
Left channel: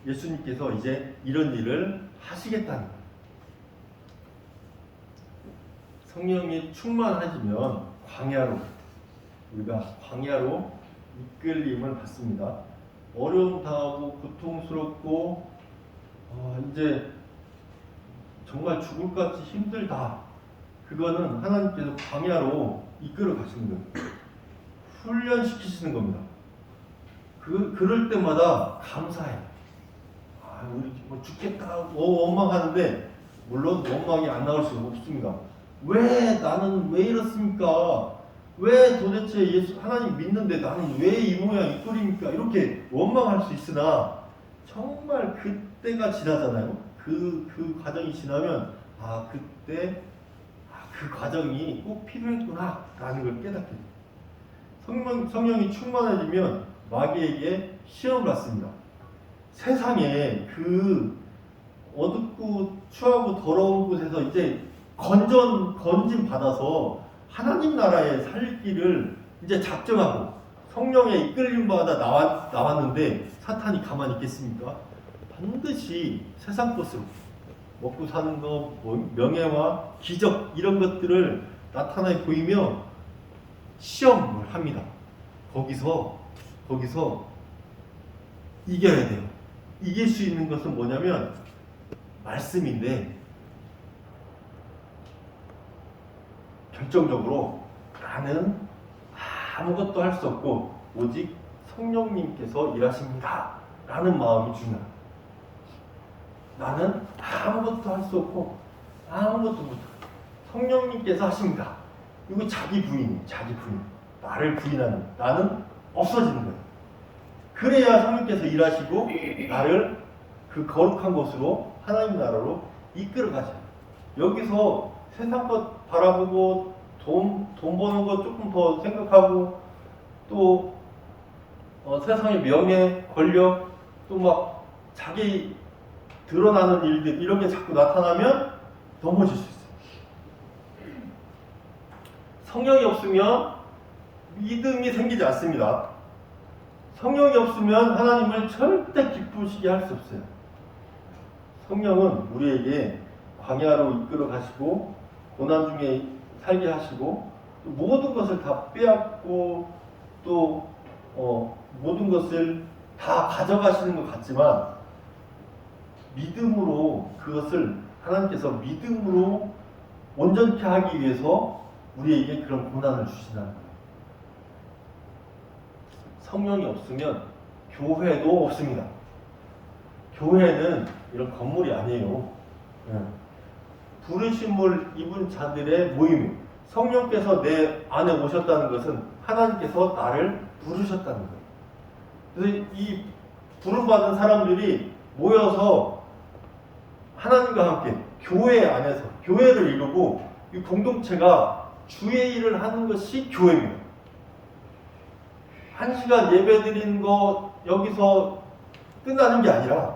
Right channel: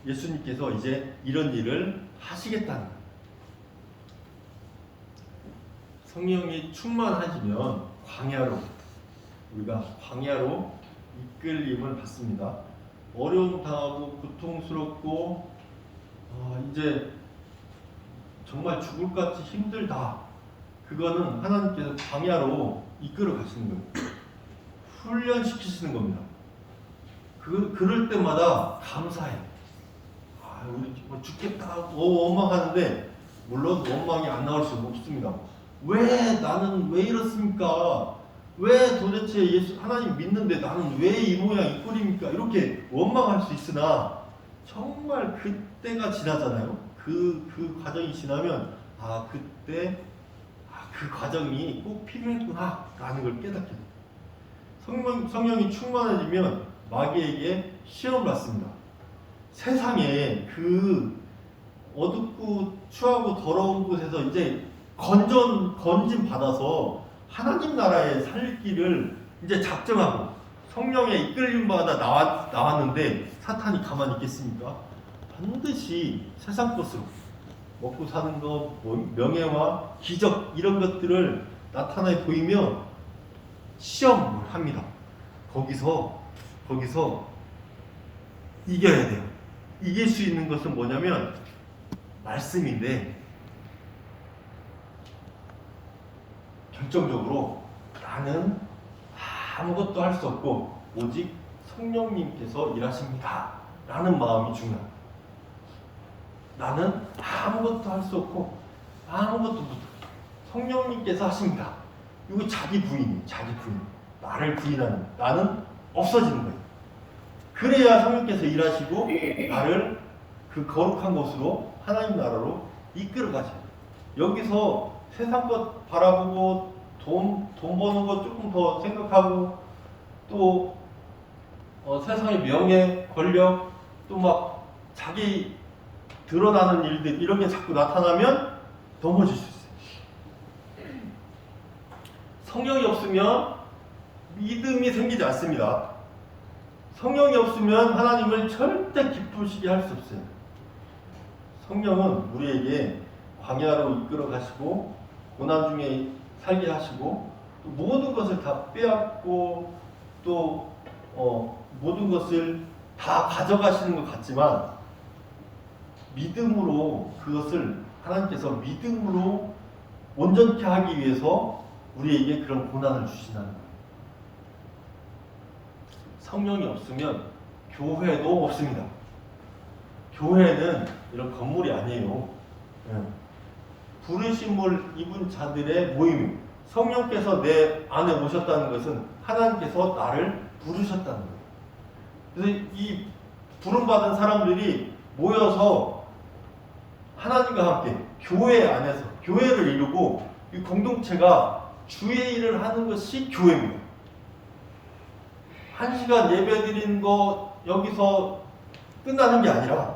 예수님께서 이제 이런 일을 하시겠다는 거예요. 성령이 충만하시면 우리가 광야로 이끌림을 받습니다. 어려움 당하고 고통스럽고 이제 정말 죽을 것 같이 힘들다. 그거는 하나님께서 광야로 이끌어 가시는 거예요. 훈련시키시는 겁니다. 그럴 때마다 감사해. 우리 뭐 죽겠다 원망하는데 물론 원망이 안 나올 수는 없습니다. 나는 왜 이렇습니까? 왜 도대체 하나님 믿는데 나는 왜 이 모양 이 꼴입니까? 이렇게 원망할 수 있으나 정말 그때가 지나잖아요. 그 과정이 지나면 그때 그 과정이 꼭 필요했구나 라는 걸 깨닫게 돼요. 성령이 충만해지면 마귀에게 시험을 받습니다. 세상에 그 어둡고 추하고 더러운 곳에서 이제 건진 받아서 하나님 나라에 살 길을 이제 작정하고 성령의 이끌림 받아 나왔는데 사탄이 가만히 있겠습니까? 반드시 세상 것으로 먹고 사는 것, 명예와 기적 이런 것들을 나타내 보이며 시험을 합니다. 거기서 이겨야 돼요. 이길 수 있는 것은 뭐냐면 말씀인데 결정적으로 나는 아무것도 할 수 없고 오직 성령님께서 일하십니다 라는 마음이 중요합니다. 나는 아무것도 할 수 없고 아무것도 못하고 성령님께서 하십니다. 이거 자기 부인 나를 부인하는 나는 없어지는 거예요. 그래야 성령께서 일하시고 나를 그 거룩한 곳으로 하나님 나라로 이끌어 가셔요. 여기서 세상 것 바라보고 돈 버는 것 조금 더 생각하고 또 세상의 명예, 권력 또 막 자기 드러나는 일들 이런 게 자꾸 나타나면 넘어질 수 있어요. 성령이 없으면 믿음이 생기지 않습니다. 성령이 없으면 하나님을 절대 기쁘시게 할 수 없어요. 성령은 우리에게 광야로 이끌어 가시고 고난 중에 살게 하시고 또 모든 것을 다 빼앗고 또 모든 것을 다 가져가시는 것 같지만 믿음으로 그것을 하나님께서 믿음으로 온전케 하기 위해서 우리에게 그런 고난을 주시는 거예요. 성령이 없으면 교회도 없습니다. 교회는 이런 건물이 아니에요. 부르심을 입은 자들의 모임이에요. 성령께서 내 안에 오셨다는 것은 하나님께서 나를 부르셨다는 거예요. 그래서 이 부름받은 사람들이 모여서 하나님과 함께 교회 안에서 교회를 이루고 이 공동체가 주의 일을 하는 것이 교회입니다. 1시간 예배 드리는 거 여기서 끝나는 게 아니라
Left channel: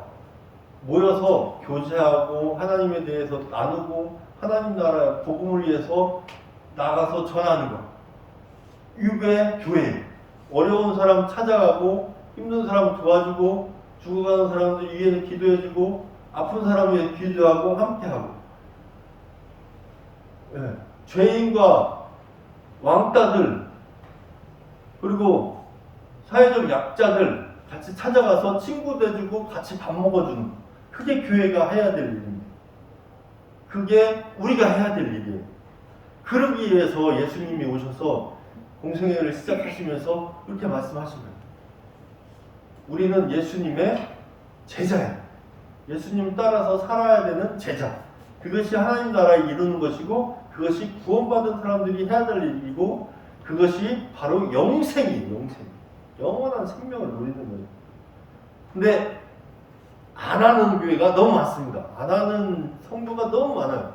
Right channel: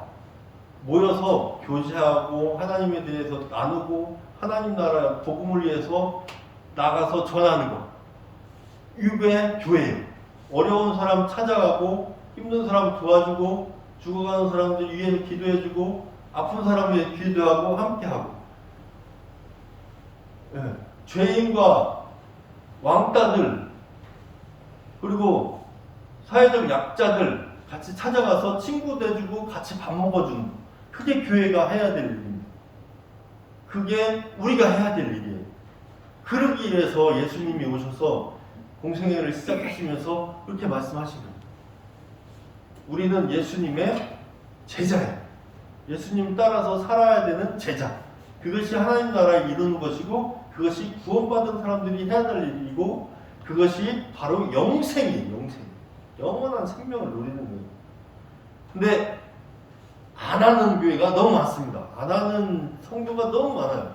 모여서 교제하고 하나님에 대해서 나누고 하나님 나라의 복음을 위해서 나가서 전하는 것. 이게 교회예요. 어려운 사람 찾아가고 힘든 사람 도와주고 죽어가는 사람들 위해서 기도해주고 아픈 사람 위해 기도하고 함께하고, 예, 죄인과 왕따들 그리고 사회적 약자들 같이 찾아가서 친구 돼주고 같이 밥 먹어주는, 그게 교회가 해야 될 일입니다. 그게 우리가 해야 될 일이에요. 그러기 위해서 예수님이 오셔서 공생애를 시작하시면서 그렇게 말씀하신 거예요. 우리는 예수님의 제자예요. 예수님 따라서 살아야 되는 제자. 그것이 하나님 나라에 이루는 것이고, 그것이 구원받은 사람들이 해야 될 일이고, 그것이 바로 영생이에요. 영생. 영원한 생명을 누리는 거예요. 근데 안 하는 교회가 너무 많습니다. 안 하는 성도가 너무 많아요.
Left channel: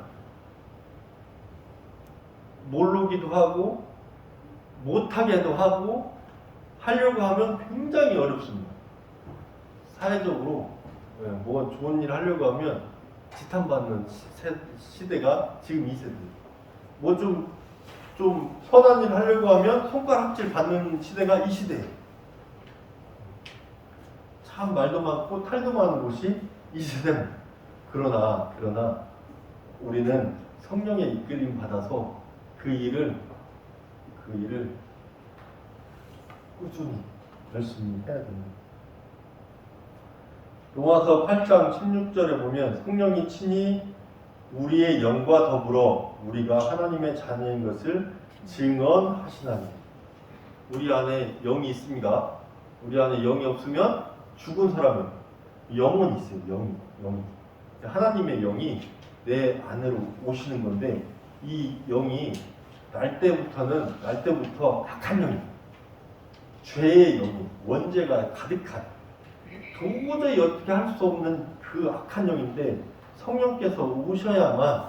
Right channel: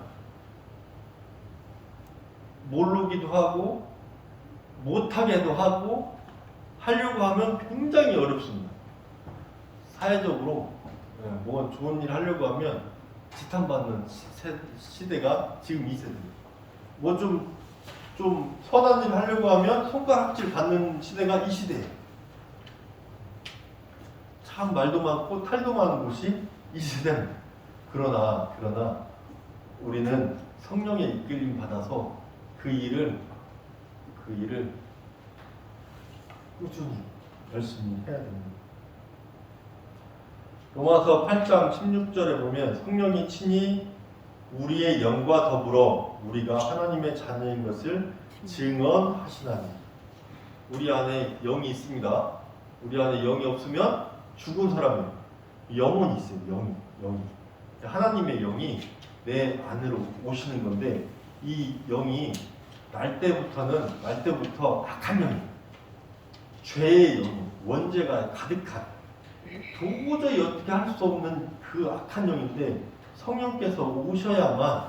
모르기도 하고 못하게도 하고 하려고 하면 굉장히 어렵습니다. 사회적으로 뭐 좋은 일 하려고 하면 지탄받는 시대가 지금 이 세대예요. 뭐 좀 선한 일 하려고 하면 손가락질 받는 시대가 이 시대예요. 참 말도 많고 탈도 많은 곳이 이 세대입니다. 그러나 우리는 성령의 이끌림 받아서 그 일을 꾸준히 열심히 해야 됩니다. 로마서 8장 16절에 보면 성령이 친히 우리의 영과 더불어 우리가 하나님의 자녀인 것을 증언하시나니. 우리 안에 영이 있습니다. 우리 안에 영이 없으면 죽은 사람이에요. 영은 있어요. 영이. 하나님의 영이 내 안으로 오시는 건데, 이 영이 날 때부터 악한 영이에요. 죄의 영이, 원죄가 가득한, 도저히 어떻게 할 수 없는 그 악한 영인데, 성령께서 오셔야만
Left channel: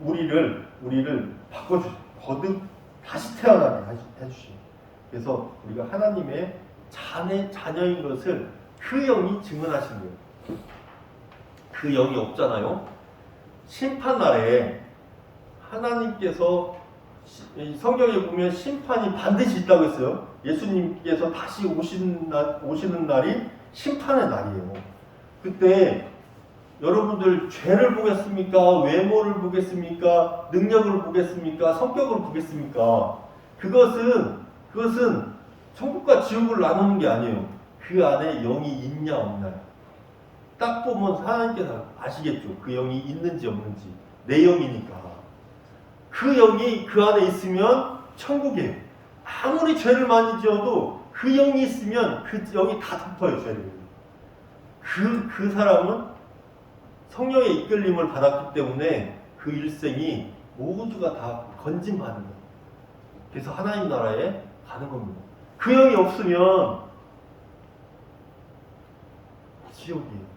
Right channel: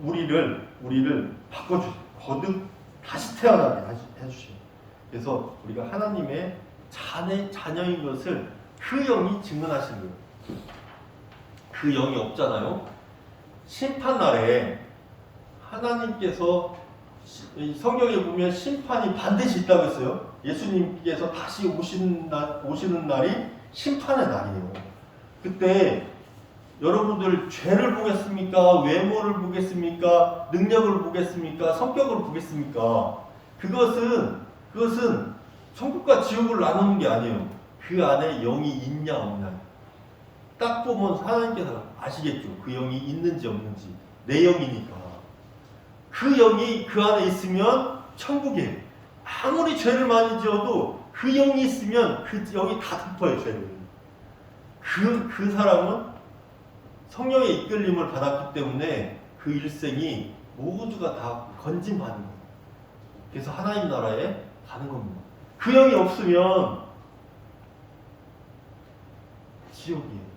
우리를 바꿔주세요. 거듭 다시 태어나게 해주시고, 그래서 우리가 하나님의 자녀인 것을 그 영이 증언하시는 거예요. 그 영이 없잖아요. 심판날에 하나님께서, 성경에 보면 심판이 반드시 있다고 했어요. 예수님께서 다시 오시는 날이 심판의 날이에요. 그때 여러분들 죄를 보겠습니까? 외모를 보겠습니까? 능력을 보겠습니까? 성격을 보겠습니까? 그것은 천국과 지옥을 나누는 게 아니에요. 그 안에 영이 있냐 없냐. 딱 보면 하나님께서 아시겠죠. 그 영이 있는지 없는지. 내 영이니까. 그 영이 그 안에 있으면 천국이에요. 아무리 죄를 많이 지어도 그 영이 있으면 그 영이 다 덮어요, 죄를. 그 사람은 성령의 이끌림을 받았기 때문에 그 일생이 모두가 다 건진받는 거예요. 그래서 하나님 나라에 가는 겁니다. 그 영이 없으면 지옥이에요.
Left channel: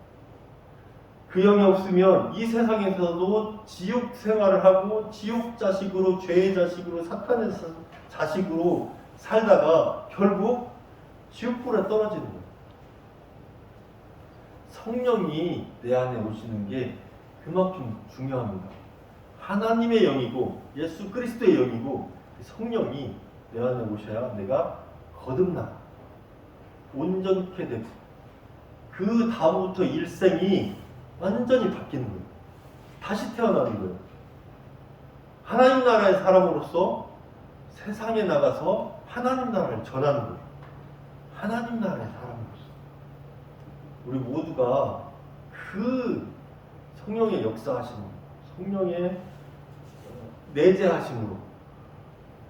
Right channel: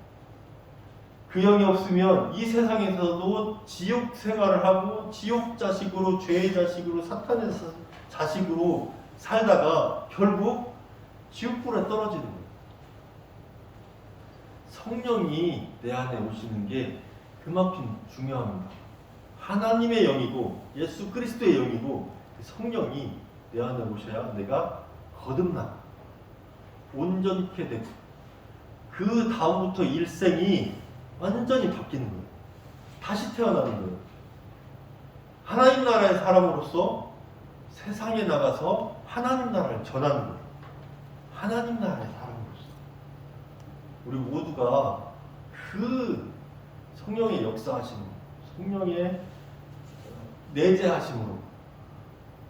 그 영이 없으면 이 세상에서도 지옥 생활을 하고 지옥 자식으로, 죄의 자식으로, 사탄의 자식으로 살다가 결국 지옥불에 떨어지는 거예요. 성령이 내 안에 오시는 게 그만큼 중요합니다. 하나님의 영이고 예수 그리스도의 영이고 성령이 내 안에 오셔야 내가 거듭나고 온전케 되고 그 다음부터 일생이 완전히 바뀌는 거예요. 다시 태어나는 거예요. 하나님 나라의 사람으로서 세상에 나가서 하나님 나라를 전하는 거예요. 하나님 나라의 사람으로서 우리 모두가 그 성령의 역사하심으로, 성령의 내재하심으로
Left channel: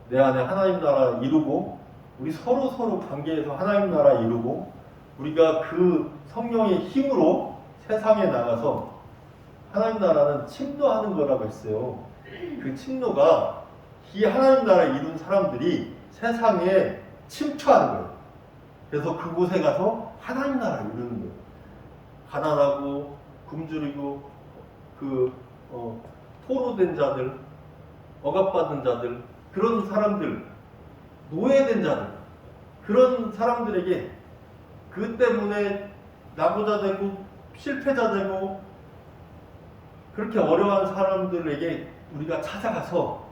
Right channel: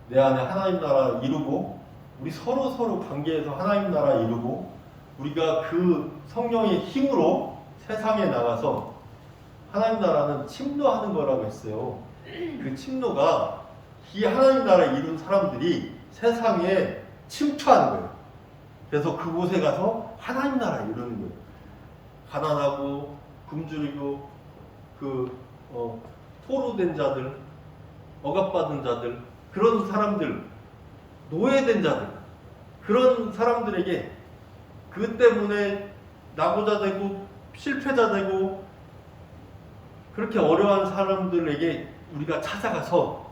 내 안에 하나님 나라 이루고 우리 서로 관계에서 하나님 나라 이루고 우리가 그 성령의 힘으로 세상에 나가서 하나님 나라는 침노하는 거라고 했어요. 그 침노가 이 하나님 나라를 이룬 사람들이 세상에 침투하는 거예요. 그래서 그곳에 가서 하나님 나라를 이루는 거예요. 가난하고 굶주리고 포로된 자들, 억압받은 자들, 그런 사람들, 노예된 자들, 그런 사람들에게 그 때문에 나고자 되고 실패자 되고 그렇게 어려운 사람들에게 우리가 찾아가서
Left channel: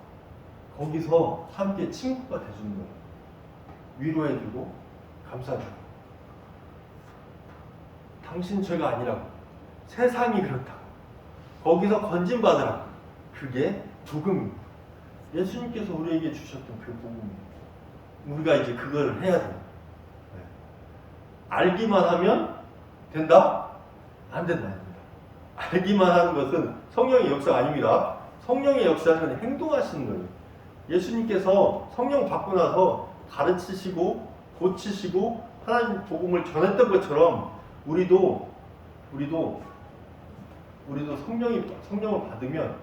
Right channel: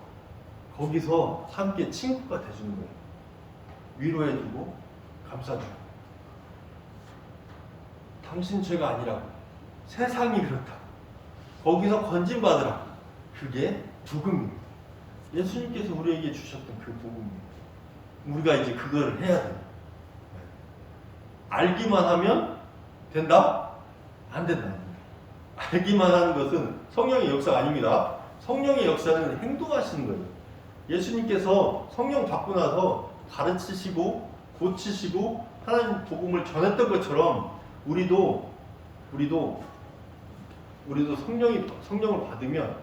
거기서 함께 친구가 돼주는 거예요. 위로해주고 감싸주고. 당신 죄가 아니라고. 세상이 그렇다고. 거기서 건진받으라고. 그게 복음입니다. 예수님께서 우리에게 주셨던 그 복음이에요. 우리가 이제 그걸 해야 돼요. 알기만 하면 된다? 안 된다. 안 된다. 알기만 하는 것은 성령의 역사가 아닙니다. 성령의 역사는 행동하시는 거예요. 예수님께서 성령 받고 나서 가르치시고 고치시고 하나님 복음을 전했던 것처럼 우리도 성령을 받으면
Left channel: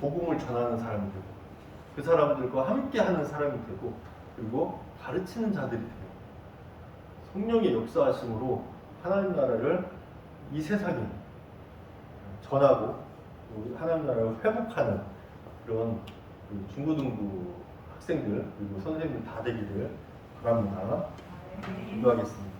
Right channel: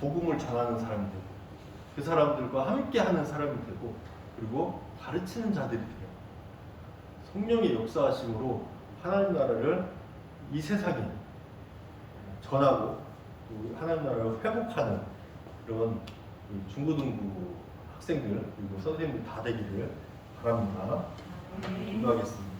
복음을 전하는 사람이 되고 그 사람들과 함께 하는 사람이 되고 그리고 가르치는 자들이 돼요. 성령의 역사하심으로 하나님 나라를 이 세상에 전하고 또 하나님 나라를 회복하는 그런 중고등부 학생들 그리고 선생님들 다 되기를 바랍니다. 기도하겠습니다.